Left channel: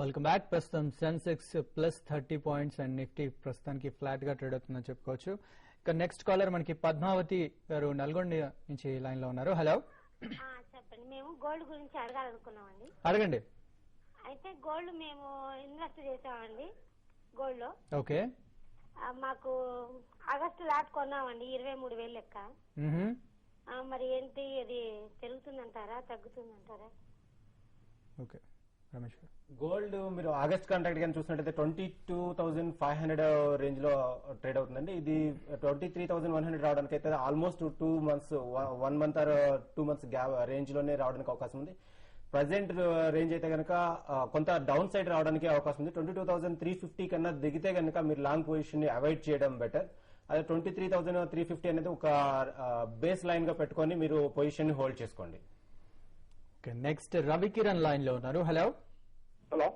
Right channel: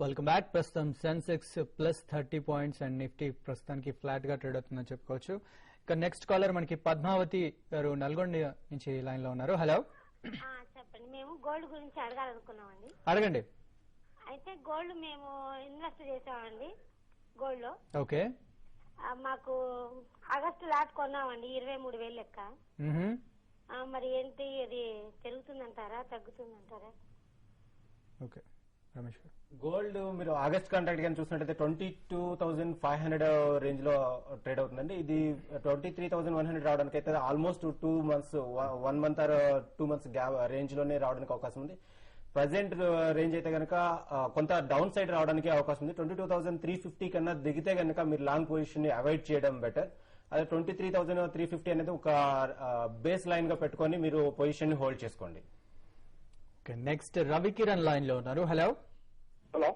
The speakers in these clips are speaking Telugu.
Welcome back. ప్రస్తుతం Sensex plus 30 points and Nifty ప్రస్తుతానికి ఫ్లాట్ గా ట్రేడ్ అవుతుందని చెప్పుకోవచ్చు. ఇక నెక్స్ట్ కాలర్ మనకి పద్మావతి గారు నల్గొండ నుంచి లైన్ లో ఉన్నారు. హలో చెప్పండి. మేము గోల్డ్ గురించి అడగాలనుకున్నామండి. అడగండి. అయితే గోల్డ్ మేము ఇన్వెస్ట్ చేసామండి గోల్డ్ లో. ఓకే. మాకు ఆగస్టు దాకా కొన్నామండి 23,000 లెక్క. మరి ఏంటి అది పెరుగుతుందంటారా తగ్గుతుందంటారా? ఓకే రమేష్ గారు. గోల్డ్ మీరు ఆగస్ట్ కాంట్రాక్ట్ కానీ చూసినట్టయితే 22,500 రేంజ్ లో ట్రేడ్ అవుతుందండి. ఇది 23,100 రావడానికి అయితే almost 2 months 1 month or 2 months gap range లోనే రావడానికి అవకాశం ఉంది. ప్రజెంట్ రేంజ్ అయితే కనుక కొంత డౌన్ సైడ్ రావడానికి అవకాశం ఉంది. 22,350 కన్నా దిగితే కనుక మీరు లాంగ్ పొజిషన్ ని అవాయిడ్ చేయడం బెటర్. అదే 23,350 అనేది ఒక బేస్ లైన్ గా పెట్టుకొని మీరు పొజిషన్ ని హోల్డ్ చేసుకోండి. నెక్స్ట్ రవికిరణ్ లైన్ లో ఉన్నారు. హలో హలో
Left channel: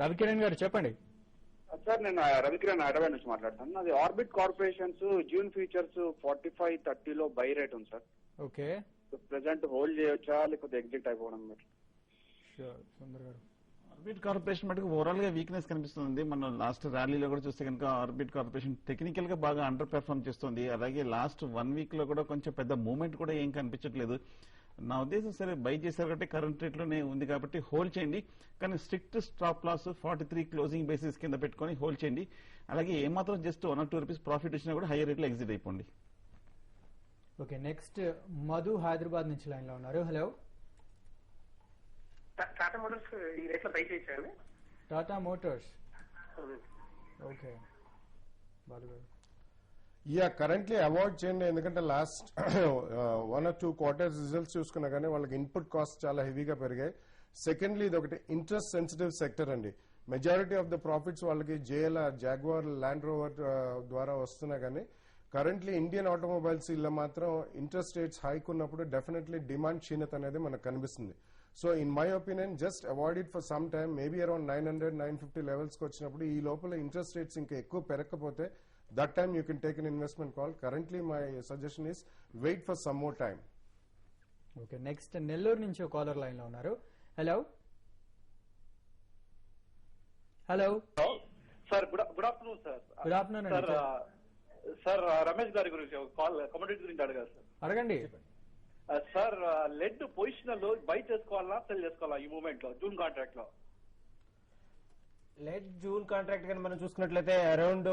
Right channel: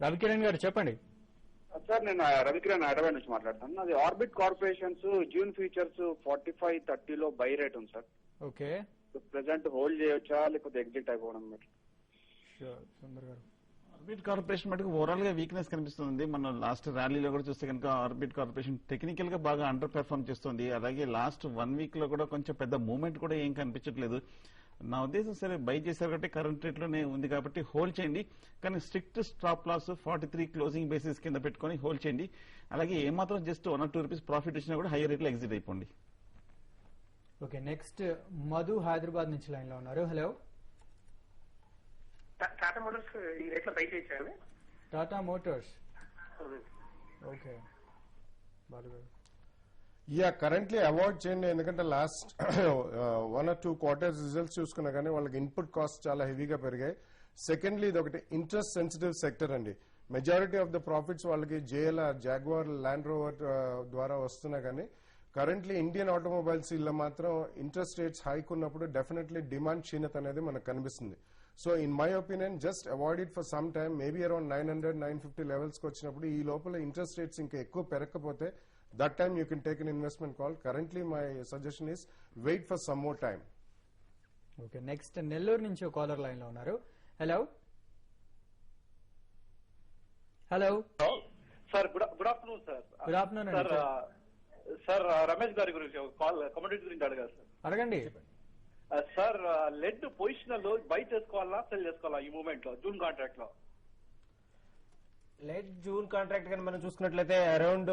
రవికిరణ్ గారు చెప్పండి. సార్ నేను రవికిరణ్ హైదరాబాద్ నుంచి మాట్లాడతాను. అది ఆర్బిట్ కార్పొరేషన్స్ జూన్ ఫ్యూచర్స్ 45-30 లో బై రేట్ ఉంది సార్. ఓకే. ప్రెసెంట్ హోల్డ్ చేయొచ్చా లేకపోతే ఎగ్జిట్ అయిపోవడం? ఆర్బిట్ కార్పొరేషన్ మటుకు ఓవరాల్ గా వీక్నెస్ కనిపిస్తుంది. మనం లాస్ట్ ర్యాలీలో కూడా చూస్తే కనుక ఆర్బిట్ కార్పొరేషన్ టెక్నికల్ గా బాగా అండర్ పెర్ఫార్మ్ చేస్తుంది. అలాగే లాస్ట్ 1 week లో కూడా కొంచెం పెద్ద మూవ్మెంట్ కూడా ఏం కనిపించట్లేదు. నా ఉద్దేశం సరే బై చేశారు కాబట్టి కరెంట్ రేట్ లోనే ఉంది కాబట్టి హోల్డ్ చేయండి. కానీ strict stop loss 43 closing basis కింద పెట్టుకుని హోల్డ్ చేయండి. అలాగే ఏమాత్రం జస్ట్ 1 or 2 రూపీస్ ప్రాఫిట్ వచ్చినా కూడా హైయర్ రేట్ లో ఎగ్జిట్ అయిపోండి. ఓకే. నెక్స్ట్ మధు హైదరాబాద్ నుంచి లైన్ లో ఉన్నారు. హలో టాటా మోటార్స్ ఈ రేట్లో బై చేశారు. Tata Motors. Okay. Currently avoid చేయండి. ఎందుకంటే లాస్ట్ 1 or 2 quarters రిజల్ట్స్ చూసుకున్నా కానీ వాళ్ళకి ఇన్పుట్ కాస్ట్ చాలా హెవీగా పెరిగాయి. సెకండ్లీ ఇది ఒకటి ఇంట్రెస్ట్ సెన్సిటివ్ సెక్టర్ అండి. మెజారిటీ ఆఫ్ ద ప్రాఫిట్స్ వాళ్ళకి జేఎల్ఆర్ జాగ్వార్ ల్యాండ్ రోవర్ ద్వారా వస్తున్నా కానీ కరెంట్లీ ఇండియన్ ఆటోమొబైల్స్ ఇలా మాత్రం ఇంట్రెస్ట్ రేట్స్ హైక్ ఉన్నప్పుడు డెఫినెట్లీ డిమాండ్ క్షీణత అనేది మనకు కనిపిస్తుంది. So in my opinion just avoid it for some time. Maybe around 900-950 levels కి వచ్చినప్పుడు ఈ లోపల ఇంట్రెస్ట్ రేట్స్ ఇంకా ఎక్కువ పెరగకపోతే that time you can take an investment call. Currently my suggestion is wait for some more time. Okay. Next Nellore నుంచి ఒక కాలర్ లైన్ లో ఉన్నారు. Hello hello sir good afternoon sir. Good afternoon sir Ramesh గారి గురించి కమోడిటీ గురించి అడగాలి సార్. అడగండి. సార్ లెడ్ పొజిషన్ లో బై చేసుకోవాలా సెల్ చేసుకోవాలా ఈ మూమెంట్ లో జూన్ కాంట్రాక్ట్ లో? లెట్ జూన్ కాంట్రాక్ట్ కానీ మనం చూసుకున్నట్లయితే అరౌండ్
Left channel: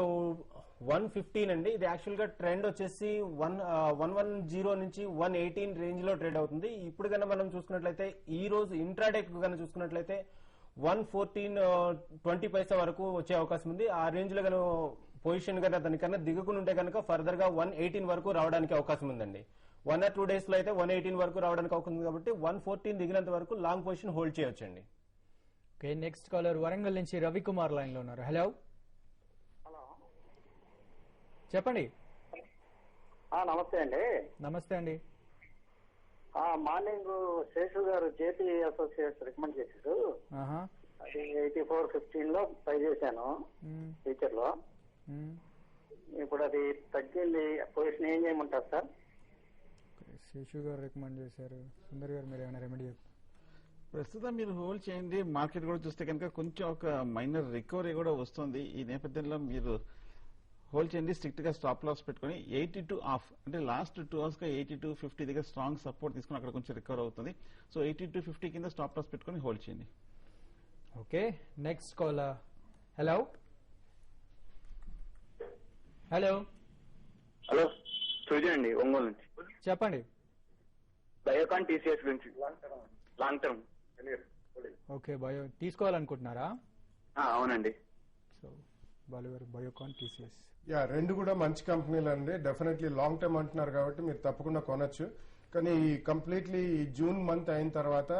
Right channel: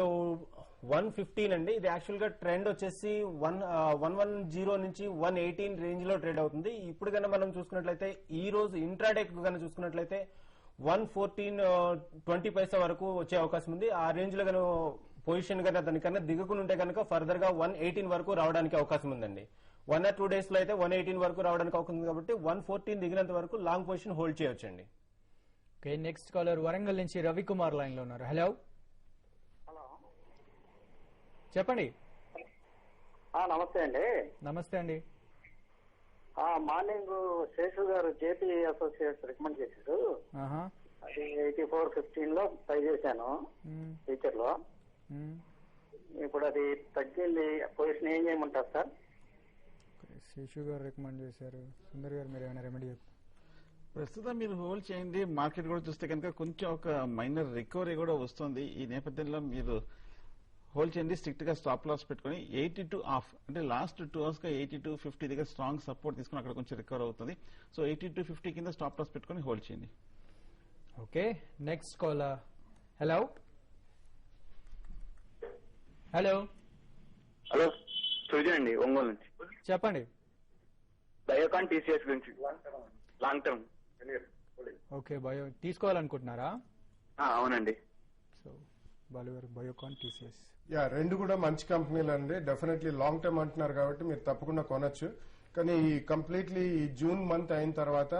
115 అండి. ఇది యాక్చువల్ గా ట్రెండ్ వచ్చేసి 110 నుంచి 118 రేంజ్ లో ట్రేడ్ అవుతుంది. ఇప్పుడు కనుక మనం చూసుకున్నట్లయితే ఈ రోజు ఇంట్రాడే కనుక చూసుకున్నట్లయితే 114.20 వరకు వచ్చే అవకాశం ఉంది. ఆ రేంజ్ లో కనుక పొజిషన్ కనుక దానికన్నా దిగుకుని ఉంటే కనుక ఫర్దర్ గా 118 వరకు రావడానికి అవకాశం ఉందండి. 1 or 2 days లో అయితే 118 వరకు రావడానికి అవకాశం ఉంది కాబట్టి 114 దిగినంత వరకు లాంగ్ పొజిషన్ హోల్డ్ చేయొచ్చండి. ఓకే. నెక్స్ట్ కాలర్ వరంగల్ నుంచి రవికుమార్ లైన్ లో ఉన్నారు. హలో చెప్పండి. నమస్తే అండి. నమస్తే అండి. మార్నింగ్ శేషుడు గారు జేపీ అసోసియేట్స్ రికమెండ్ చేశారు. అది 84.15 లో ట్రై చేశాను ఫ్యూచర్ లో. ఇప్పుడు అది తగ్గింది. పొజిషన్ ఏం చేయమంటారు సార్? శేషు గారు రికమెండ్ చేశారు. సుందర్ గారు మీరు ఏమైనా రెమెడీ? ప్రస్తుతం మీరు హోల్డ్ చేయండి. మార్కెట్ కూడా చూస్తే కనుక కొంచెం ఒక మైనర్ రికవరీ కూడా వస్తుంది. ఈ నేపథ్యంలో మీరు హోల్డ్ చేయండి. స్ట్రిక్ట్ గా స్టాప్ లాస్ పెట్టుకుని 82 ఆఫ్ అంటే లాస్ట్ 2 hours గా 82.50 దగ్గర స్ట్రాంగ్ సపోర్ట్ తీసుకుని అక్కడ కొంచెం రికవర్ అవుతుంది. సో 82.50 కింద స్టాప్ లాస్ పెట్టుకుని హోల్డ్ చేయండి. Okay. Next caller. Hello hello hello Surya అండి ఒంగోలు నుంచి. చెప్పండి. బయోకాన్ టీసీఎస్ గురించి లాంగ్ టర్మ్. ఓకే. బయో తీసుకోవాలనుకుంటున్నారా? అవునండి. సో బయోకాన్ టీసీఎస్ రెండు కూడా మంచి కంపెనీలు అండి. డెఫినెట్లీ లాంగ్ టర్మ్ అంటున్నారు కాబట్టి మీరు తప్పకుండా కొనొచ్చు. కానీ ఈ కంప్లీట్లీ ఈ జూన్ మంత్ అయిన తర్వాత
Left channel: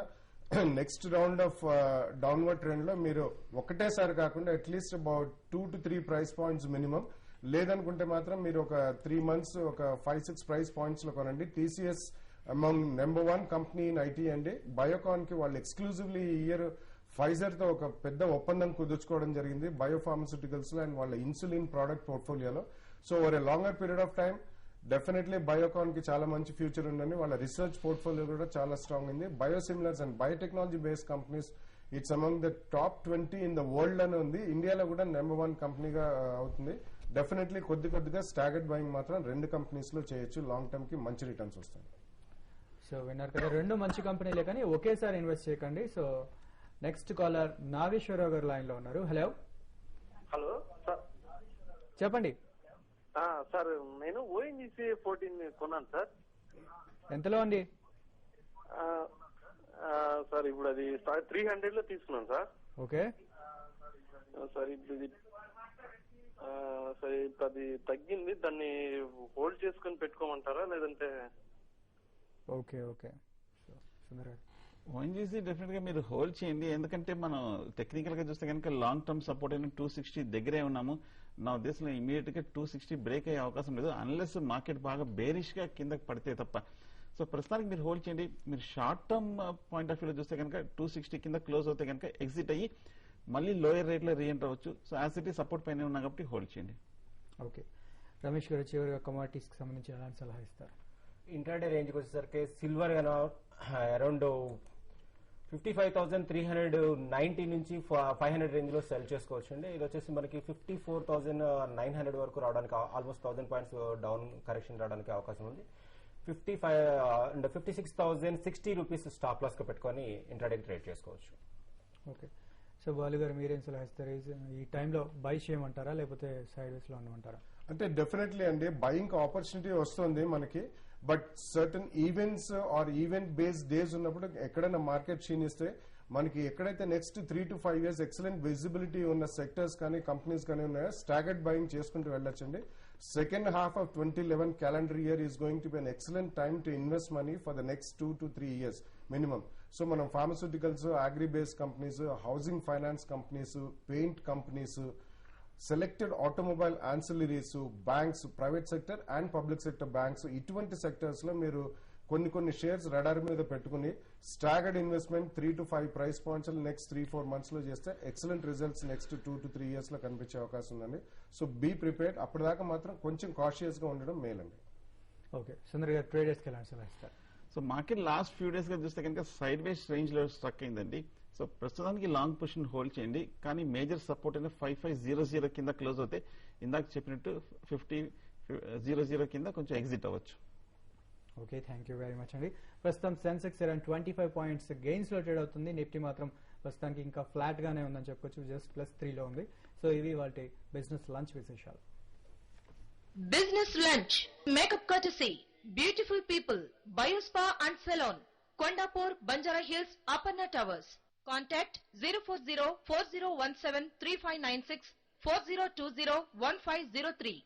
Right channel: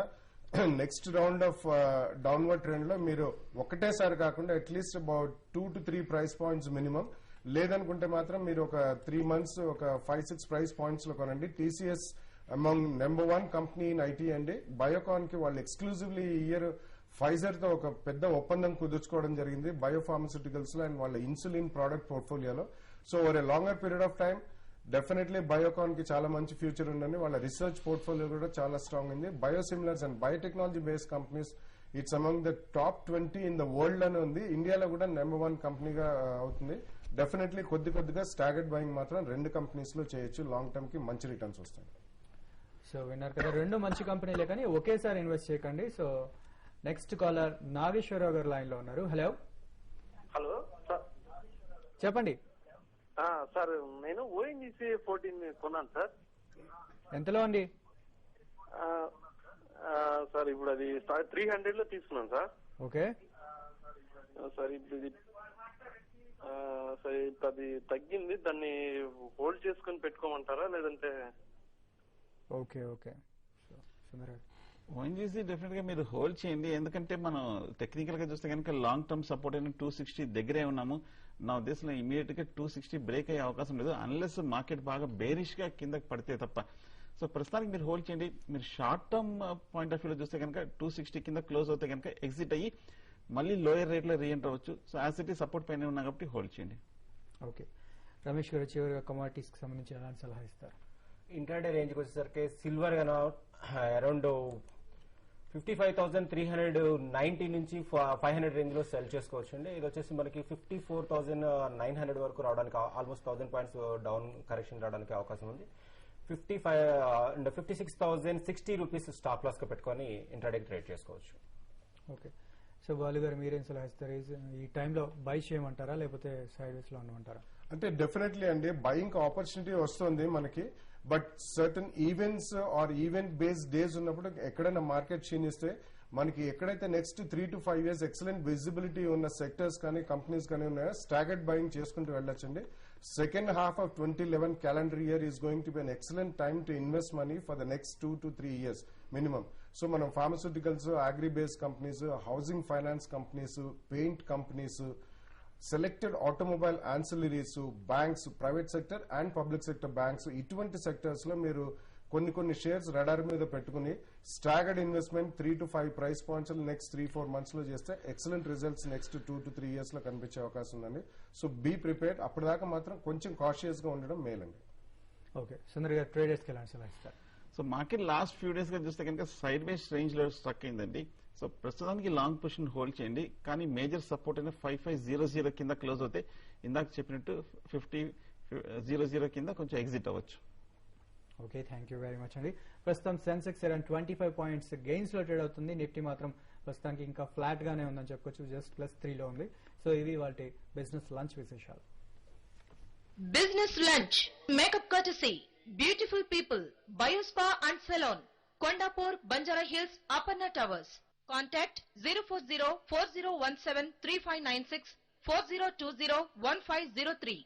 next round of downward trend లో మీరు ఒకటేసారి కాకుండా at least about 2 to 3 price points minimum. లేదనుకుంటే మాత్రం మీరు ఒక 3 months ఒక 5-6 ప్రైస్ పాయింట్స్ లో కొనండి. TCS among number 1 company in IT అండి. బయోకాన్ కి వాళ్ళు ఎక్స్క్లూజివ్లీ ఈ ఇయర్ ఫైజర్ తో ఒక పెద్ద ఒప్పందం కుదుర్చుకోవడం జరిగింది బయోఫార్మస్యూటికల్స్ లో అండ్ వాళ్ళ ఇన్సులిన్ ప్రోడక్ట్ పోర్ట్ఫోలియోలో. So over a longer period of time definitely Biocon కి చాలా మంచి ఫ్యూచర్ ఉందని వాళ్ళ రీసెర్చ్ పోర్ట్ఫోలియో కూడా చాలా స్ట్రాంగ్ ఉంది. Biosimilars and biotechnology based companies it's among the top 20 in the world అని ఉంది. ఇండియాలో కూడా నెంబర్ 1 కంపెనీగా అవుతుంది. డెఫినెట్లీ కొద్దిగా స్టాగర్డ్ బయింగ్ మాత్రం 2 కంపెనీస్ లో చేయొచ్చు. లాంగ్ టర్మ్ కి మంచి రిటర్న్స్ వస్తాయి. సో విన్నారు కదా, 2 మంచి కంపెనీలే కానీ ఒకేసారి ఇన్వెస్ట్ చేయకండి. సో నెక్స్ట్ కాలర్ నాగేశ్వరరావు గారు లైన్ లో ఉన్నారు. హలో హలో సార్, చెప్పండి. సార్ నేను ఓఎన్జీసీ 14 కొన్నాను సార్. ఎంతలో ఉంది? సార్ ఇప్పుడు అది 300 లో తీసుకున్నాను సార్. ఓకే సార్ ఇప్పుడు సరే అది తగ్గింది, దాన్ని హోల్డ్ చేసుకొని పెట్టుకోమంటారా లేదంటే? ఓకే ఓకే ఓఎన్జీసీ డెఫినెట్ గా మీరు హోల్డ్ చేయండి. ఎందుకంటే మనం టెక్నికల్ గా చూస్తే కనుక లాంగ్ టర్మ్ సపోర్ట్ అయిన 260 దగ్గరే ఉన్నాము. నా ఉద్దేశంలో ఇమీడియట్ గా 260 బ్రేక్ అయ్యే అవకాశం లేదు, అన్లెస్ మార్కెట్ బాగా బేరిష్ గా కిందకి పడితే తప్ప. సో ప్రస్తుతానికి మీరు హోల్డ్ చేయండి. మీరు short term point of view చూస్తే కనుక 260 కింద క్లోజ్ అవుతే కనుక ఎగ్జిట్ అయ్యి మళ్ళీ లోయర్ రేట్ లో రీఎంటర్ అవ్వచ్చు. సో యాజ్ ఇట్ ఈ సపోర్ట్ పైన ఉన్నా కాబట్టి హోల్డ్ చేయండి. ఓకే రమేష్ గారు చివరిగా కమోడిటీస్ కి సంబంధించి ఎలాంటి సలహా ఇస్తారు? ఇంట్రాడే రేంజ్ వచ్చేసరికి సిల్వర్ అరౌండ్ 55,390 నుంచి 500 రేంజ్ లో సెల్ చేసుకోవచ్చు అండి. ఇది వచ్చేసి మనకి 54,900 వరకు రావడానికి ఆల్మోస్ట్ 1000 పాయింట్స్ డౌన్ కరెక్షన్ రావడానికి అవకాశం ఉంది. 56,060 రూపీస్ స్టాప్ లాస్ గా పెట్టుకొని ఇంట్రాడే ట్రేడ్ చేసుకోవచ్చు. ఓకే సో బాలు గారు మీరేం సలహా ఇస్తారు? ఈ టైంలో బై చేయమంటారా లేకపోతే సైడ్ వేస్ లో ఉండమంటారా? అంటే డెఫినెట్లీ అండి బయింగ్ ఆపర్చునిటీ వస్తుంది మనకి. But certain events or event based days ఉన్నప్పుడు ఎక్కడైనా మార్కెట్ క్షీణిస్తే మనకి ఎక్కడైతే next 3 to 5 years excellent visibility ఉన్న సెక్టర్స్ కానీ కంపెనీస్ కానీ ఉన్నాయో స్టాగర్డ్ బయింగ్ చేసుకుంటూ వెళ్ళొచ్చండి. Second half of 2011 calendar year is going to be an excellent time to invest money for the next 2 to 3 years minimum. So మనం pharmaceuticals, agri based companies, housing finance companies, paint companies, selected automobile ancillaries, banks, private sector and public sector banks, ఇటువంటి సెక్టర్స్ లో మీరు కొన్ని షేర్స్ రడార్ మీద పెట్టుకుని staggered investment 3 to 5 price points next 3-4 months లో చేస్తే excellent results next 2 to 3 years లో కనిపించే అవకాశం ఉందండి. So be prepared. అప్పటిదాకా మాత్రం కొంచెం కాషియస్ గా ఉండడం మేలండి. ఓకే సుందర్ గారు ట్రేడర్స్ కి ఎలాంటి సలహా ఇస్తారు? So market last few days గా చూస్తే కనుక సైడ్ వేస్ రేంజ్ లో స్ట్రక్ అయిందండి. సో ప్రస్తుతానికి లాంగ్ పొజిషన్ హోల్డ్ చేయండి, కానీ మేజర్ సపోర్ట్ అయిన 5500 కింద క్లోజ్ అవుతే ఇందాక చెప్పినట్టు 5000 కింద కొంచెం ఎగ్జిట్ అవ్వచ్చు. Okay thank you very much అండి. ప్రస్తుతం సెన్సెక్స్ అరౌండ్ 25 points గెయిన్స్ లో ట్రేడ్ అవుతుంది. నిఫ్టీ మాత్రం ప్రస్తుతానికి ఇంకా ఫ్లాట్ గానే ఉందని చెప్పొచ్చు, జస్ట్ +3 లో ఉంది. సో ఇవి వాటి బిజినెస్ లంచ్ విశేషాలు. Business lunch makeup courtesy beautiful people Biospa and salon Kondapur Banjara Hills Aparna Towers. Contact 04040173596 40201503.